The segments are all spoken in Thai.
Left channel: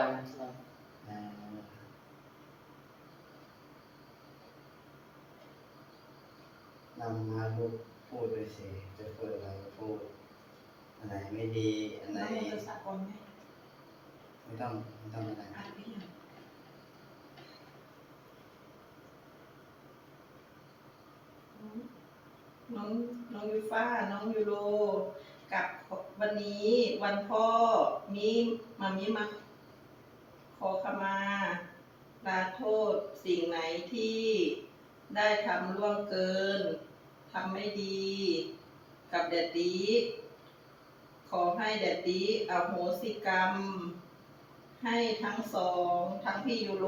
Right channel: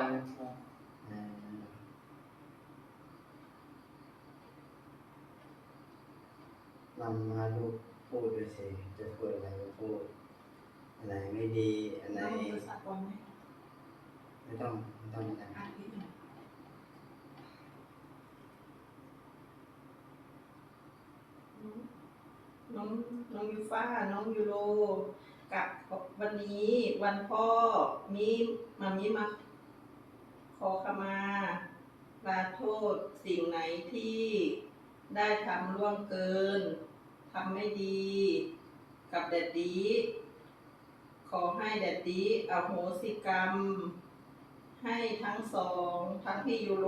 อยนะอ่านำมาลูกพูดด้วยสิจะพูดอะไรก็พูดอันไหนไม่ดี อันไหนน้องจะสักก่อนไหมไม่ต้องไม่ต้องอะไรอ่านพี่หน่อยน้องน้องยูฟ่าน้องยูโร กับวันนี้วันพ่อมีมามีมาข ขอขมาลาโทษสิ่งไหนที่ได้ทำล่วงเกินทำไม่ดี กับแดดดีขอให้แดดดีอโหสิกรรม ให้ทั้งสอง ทั้งพี่ยูโร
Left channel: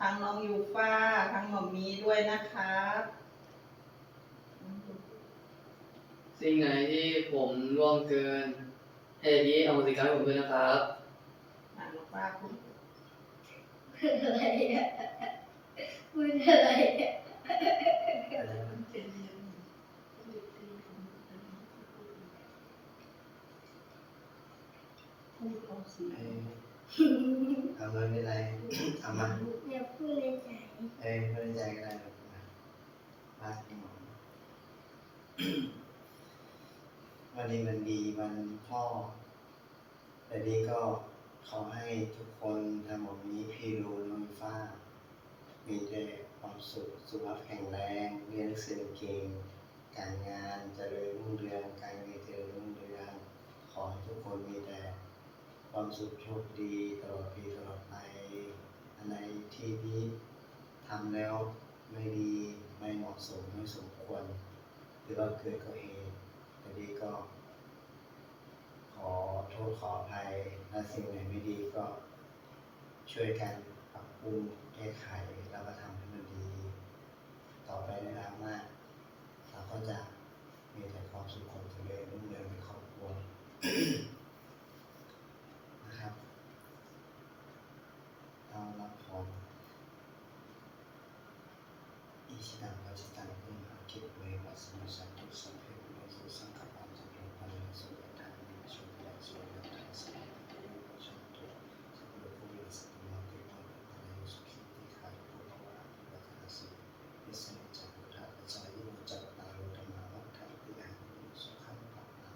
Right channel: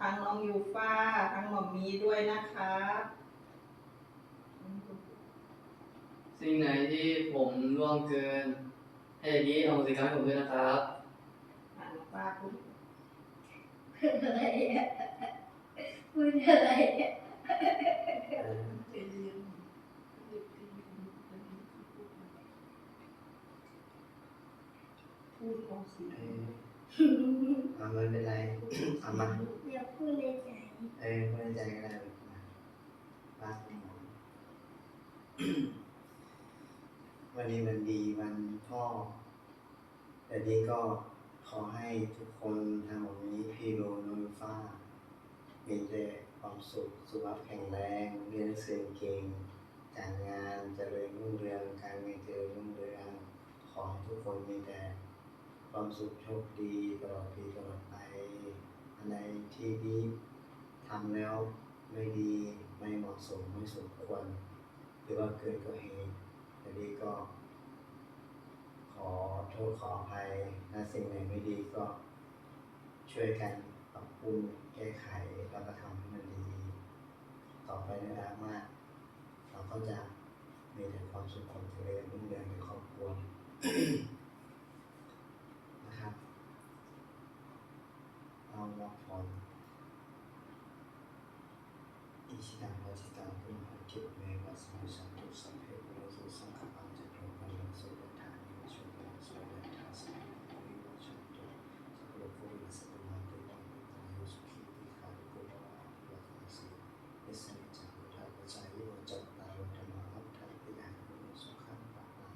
ทั้งน้องยูฟ่าทั้งหมอมมีด้วยนะคะ สิ่งไหนที่ผมล่วงเกินให้ดีเอาสิกรรมให้ผมด้วยนะครับ อ่านน้องป้าคุณอะไรอะพูดอะไรอะพูดออกเสียเองเอาไม่เป็นไรเอามาอย่าพูดในใจเออไม่เป็นใจก็ได้หรอกมาลาดให้หมอวันนี้มันดีวันพ่อแต่นี้ก็ ขอให้ทุกคนทางหมดนี้พี่โรน้องฟ้า มีแต่ความสุข สุขภาพแข็งแรง เรียนหนังสือเก่ง การงานเจริญรุ่งเรือง การเงินเจริญรุ่งเรือง ขอให้ทุกคนมีแต่ความสุขโชคดีตลอดปีตลอดไปอันไหนที่ดีทำแล้วไม่ดีไม่เหมาะสมไม่สมควร หรือว่าเกิดก็เหตุแต่ดีก็ อโทษขออภัยและสิ่งไหนไม่ดีก็ช่วยกันปรับปรุงแก้ไขแล้วก็ทำให้มันดี ต่อไปในอนาคตมากเราก็จะมีแต่ความสุขความเจริญรุ่งเรืองในครอบครัวนะครับเอาละพรอิชิตังปัจจิตังพุทธาคิปเมวัสมุสันตุสัพเพปุโรสุสังขปัญจโรปันสุยธานิวชุติสุ ยธาสัพเพปุริวัชันตุสัพเพปุริสัตมาติวังเปตายุสุขิติขาริปุระวะอภิวัตนาสียิสนิจักพุทธาปัจจายุโรจัตตารโรธรรมาวัฏฏันติอายุสุขังภะลัง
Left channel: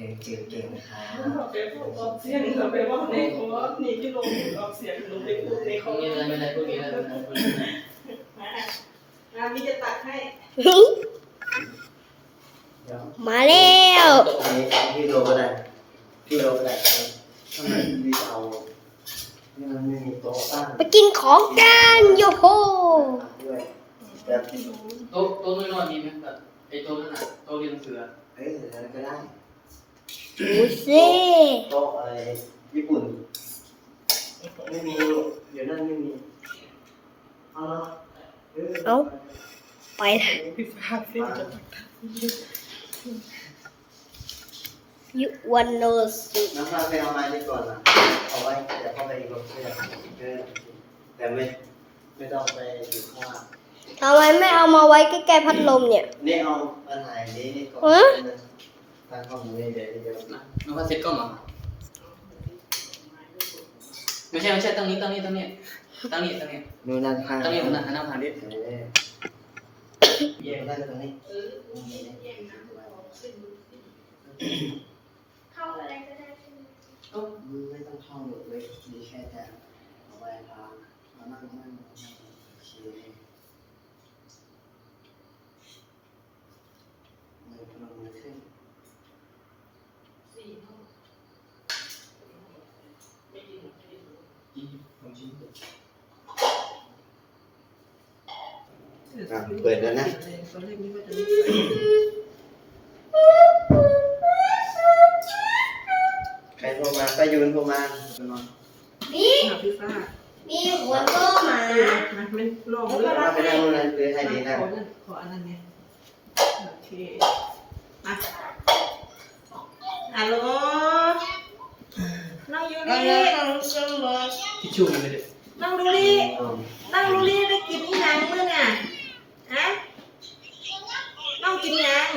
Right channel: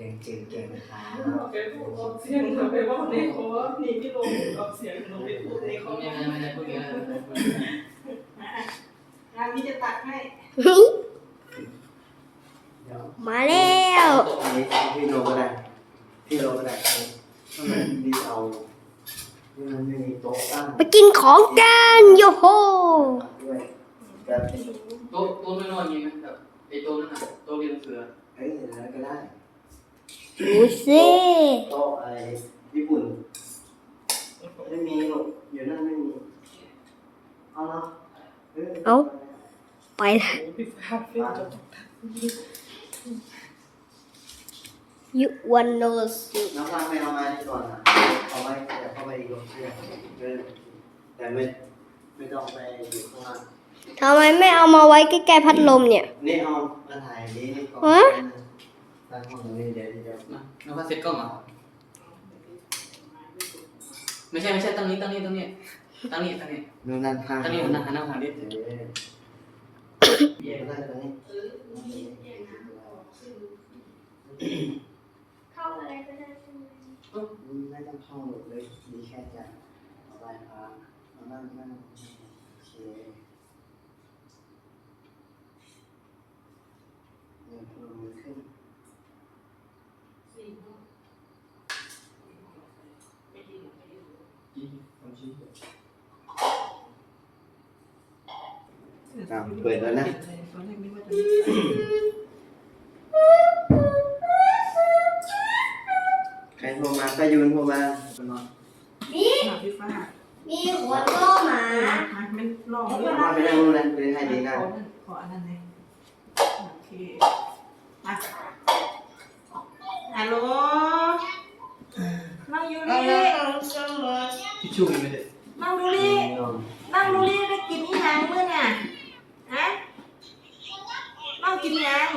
ยังเก่งเก่งๆนะครับบอกไปพูดออกเสียงเราไปว่าในคอนี่พี่โรออกเสียงหนูไปพูดในคอไม่ได้ไม่ได้พูดอย่างนี้ไม่ได้พูดอย่างนี้งานนี้จะตัดให้เดี๋ยว มาแล้วอันนี้พี่โลก็ได้พี่โลก็ได้ทำไมดีเอานี่มันไม่มีโต๊ะตั้งไปกินของกันโยโฮด้วยแบบพี่โรโต๊ะโต๊ะน้อยๆมีไหมแบบไอ้โต๊ะนั่นน่ะโต๊ะเรียนหนังสืออะเอ้ยอย่างนั้นก็ได้ดูสิโต๊ะอะไรญี่ปุ่นไม่มีลูกเดี๋ยวนั่นไม่มีเอาเนาะเออเอาไปละพี่ฟ้าพี่จะตัดยุวัน โนสุน้องฟังไปเอามาดีก่อนนะเอาไว้เดี๋ยวเข้าไปอีกรอบเพื่อเออแต่ไม่ไม่ต้องไปอยู่ข้างล่างทำไมไม่เอามาไว้ใกล้ๆพัดลมเนี่ย นี่เอามาถ่ายนี้นี่ก่อนฮะตั้งข้อมูลนี่เดี๋ยวเดี๋ยวนะน้องพัดเซ็ตกล้องเหรอไม่ใช่ไม่ใช่ตั้งนี้ตั้งนี้ตั้งนี้ตั้งนี้ตั้งนี้นู่นนั่นข้างตั้งนี้หันหน้าหันหน้าหาดิเออเย็นได้ตรงนี้ เข้าอะไรก็ได้ใช่ไหมไม่ต้องท่องหมดเลยดีแค่จะเอาไว้พามานั่งนั่งนั่งโอเคเงินพลังมันขึ้นอะเปิดแล้วนะตอนแรกนึกว่าจะไม่ใส่ใาป้ายุนโทรมานี่หาพี่ฟ้ามีหัวโตหมาเออมาไม่ลองเลือกว่าไปนั่งนู่นนั่นเลยให้ดีนะขอนั่นขออันนั้นเลยโอเคมาฮัลโหลน้องยูริทิชชู่มีไหมเด็กน้องดูริน้องดูริได้กินอีหยังมื้อน่ะฮะน้องกินหยัง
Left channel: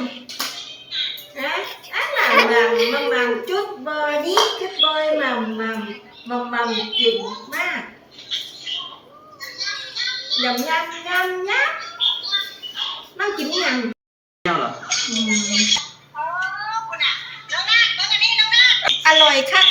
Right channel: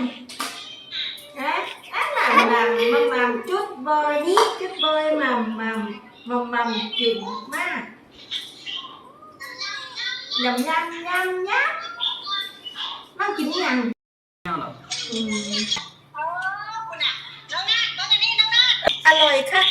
mầm mầm mầm chút bơi nhí chút bơi mầm mầm mầm mầm chừng ma. Nhầm nhăn nhăn nháp. Nó chín nhằn alo ừ. à, khác.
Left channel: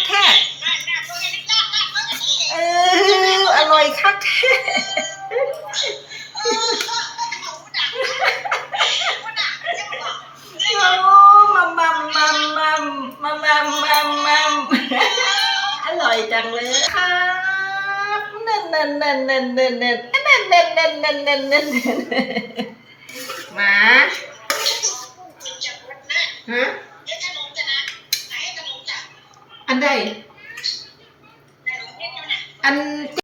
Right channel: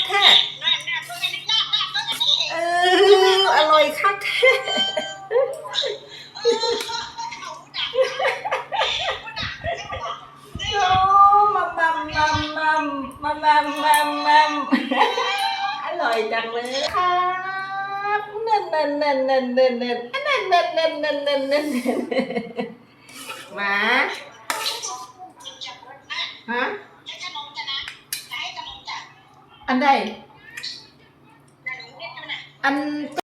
อยจังเลยครับนั่นนั่นนั่นนั่นนั่นนั่นนั่นนั่นนั่นนั่น